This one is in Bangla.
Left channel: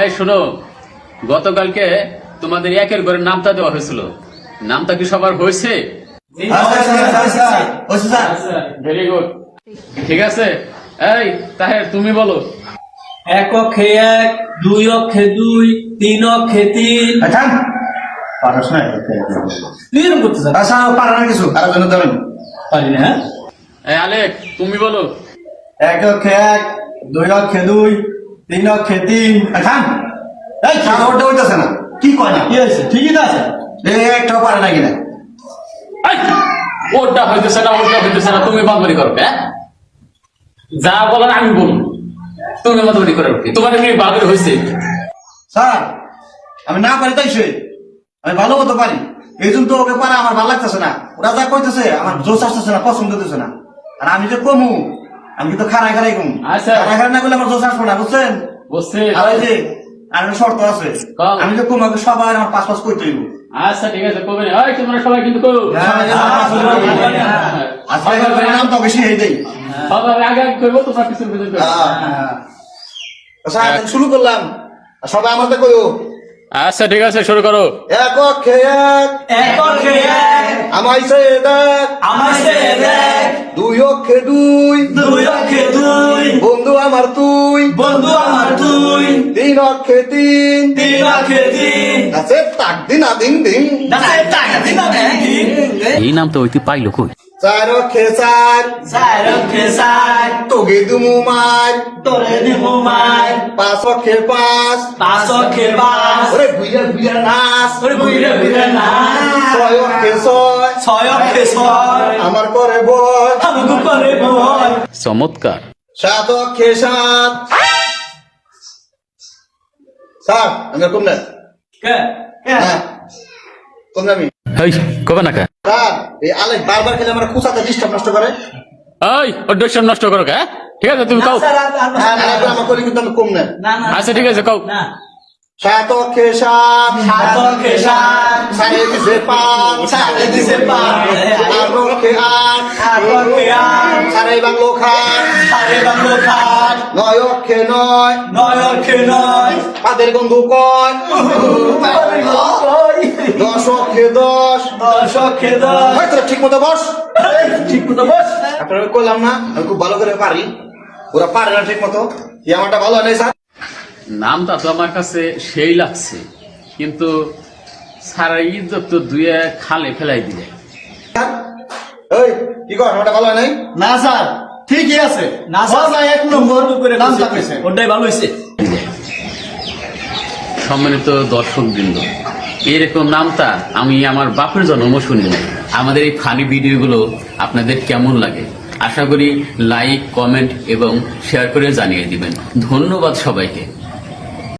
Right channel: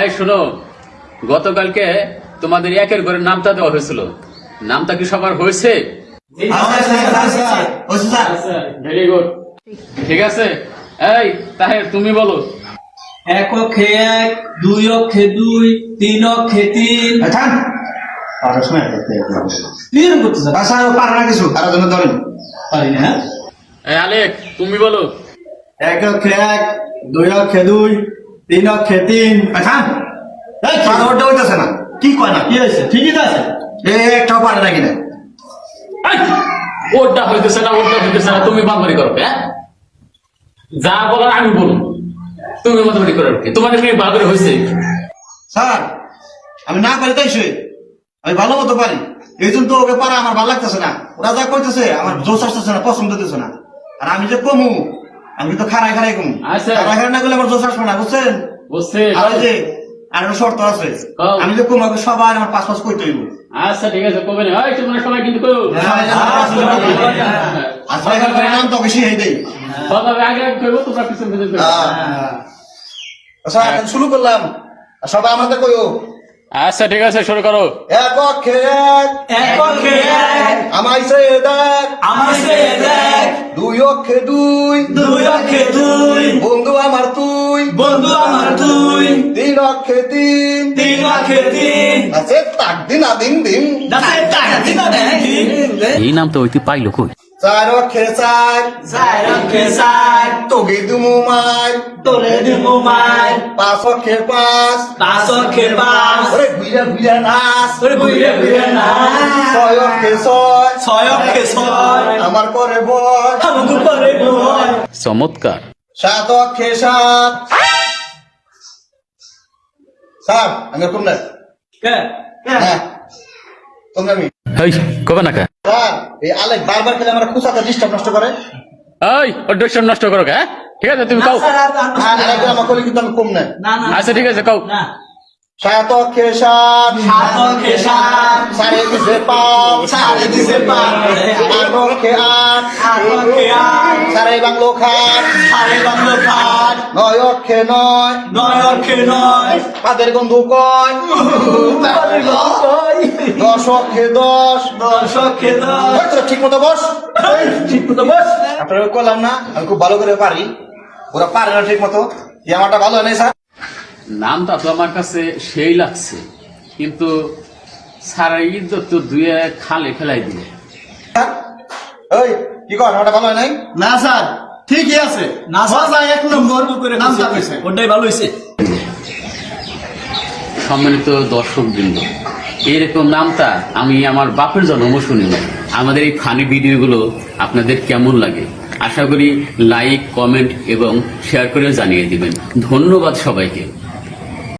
এই শোনো, গতকালকে তোমাদের একের ঘরে নামটা দেওয়া হয়েছিল, নামটা কি সবার হয়েছে? ভেরি গুড, ঠিক আছে। এই তাহের, তুমি বলো। এক অক্ষে এক, দুই অক্ষে দুই, তিন অক্ষে তিন। পারস না তুই এরকম করতেছ? আচ্ছা পারে না কিছু আর জন্য ধরেন পারি না। এই আলেক, তুমি বলো। এক অক্ষে এক, দুই অক্ষে দুই, তিন অক্ষে তিন। আচ্ছা এই পারটা হইতেছে না, কি কয় না, কি হয়েছে? ঠিকই তো আছে, একটাও পারে না কিনা। এই, ওটা হইতেছে না, ওটা হইতেছে না, তুমি বাদবাড়ি করো। হ্যাঁ, যা বলার আমি বলুন, তুমি বাদবাড়ি করে রাখি। তোমাদের মেয়ে বাদবাড়ি হয়েছে? স্যার আমি না পারি তাই সে, আমি ভালো মতো পারি, এই জন্য তো ওকে পারা আমার ভালো লাগতেছে না। ওরা যা কইতেছে আমার জোশ আসতেছে না, পছন্দ দিতেছে না। আর আমি যে কমু, আমি কিন্তু খারাই খারাই কমু। আচ্ছা। খারাই খারাই না করলে আমার জোশ আসবে না, বুঝছেন? বুঝছে। আর ওই যে আর একটা শর্ত আছে, কও। আমি যে কমাকে সবাই আমার পাঁচ পাঁচ কইতে হইব। আচ্ছা ঠিক আছে, কবে না? ওই তোমরা সবাই কিন্তু করো। আজকে নাম তো বেশি হয়ে দেই। সবাই আগে আগে করবো, তোমরা পিছন পিছন করবো। আচ্ছা এখন শুরু করলাম, সবাই আমাদের কইও। আচ্ছা ঠিক আছে, শুরু করো। এক অক্ষে এক, এক অক্ষে এক, আমাইছে দেখ, আমার সে দেখ, দুই অক্ষে দুই, দুই অক্ষে দুই, বন্ধু আমার তুই, বন্ধু আমার তুই, তিন অক্ষে তিন, তিন অক্ষে তিন। আছে তাক দিন আদিন দিন, এই নাম তো ওইটি পাইলো কই? চার অক্ষে চার, চার অক্ষে চার, তোগে দুমু মার, তোরে দিমু মার, পাঁচ অক্ষে পাঁচ, পাঁচ অক্ষে পাঁচ, ওরে ঘুইরা ঘুইরা নাচ, ওরে বুইরে বুইরে নাচ, ছয় অক্ষে ছয়, ছয় অক্ষে ছয়, আমার পরে বয়, আমাকে পরে বল। চমৎকার। সাত অক্ষে সাত। স্যার আমি কোন না? কে? হ্যাঁ কোন আমি? এই কবে না কা? স্যার এই আলেক বারবার খেলে আমার খুঁচাতে ডিস্টার্ব নষ্ট করে। এই অডিশন নষ্ট করো কে? ঠিক আছে, তুমি না কও। স্যার, হ্যাঁ আরেকবার আমার কলি কিন্তু আমি কম না। না না আচ্ছা ঠিক আছে, কও। না। সাত অক্ষে সাত, সাত অক্ষে সাত, সাড়ে দিছে পাঁচ, সাড়ে দিছে পাঁচ, আট অক্ষে আট, আট অক্ষে আট, সাড়ে বাংলো খাট, সাড়ে বাংলো খাট, নয় অক্ষে নয়, নয় অক্ষে নয়, পাদের গন্ধু কয়, পাদের গন্ধ কয়, দশ অক্ষে দশ। দশ অক্ষে দশ। ওই তোরা ঠিক মতো বস, ঠিক মতো বস। আপনারা করলাম না, আমি খুব ভালো করে পারি, ওরা পারে না ঠিক মতো। এই আমারটা ভালো হয় নাই স্যার। নামটা তো আমার কাছে সেই লাগছে, কিন্তু সারা ইজ্জত তো দুয়ে খালে ফেলাই দিলে। এই কি কর, আমারটা ভালো হয় নাই? না স্যার ঠিকই আছে, না স্যার, মজা এক নম্বর করে নামটা পেয়েছে। ওটাই ভালো হয়েছে। সম্মানিত দর্শক বৃন্দ, এরকম নামটা আমি আমার বাপের জন্মও শুনি না। আমাদের এই ফানি ভিডিওগুলো আপনাদের কেমন লাগে আশা করি লাইক, কমেন্ট এবং শেয়ার করে জানিয়ে দিবেন। ধন্যবাদ সবাইকে।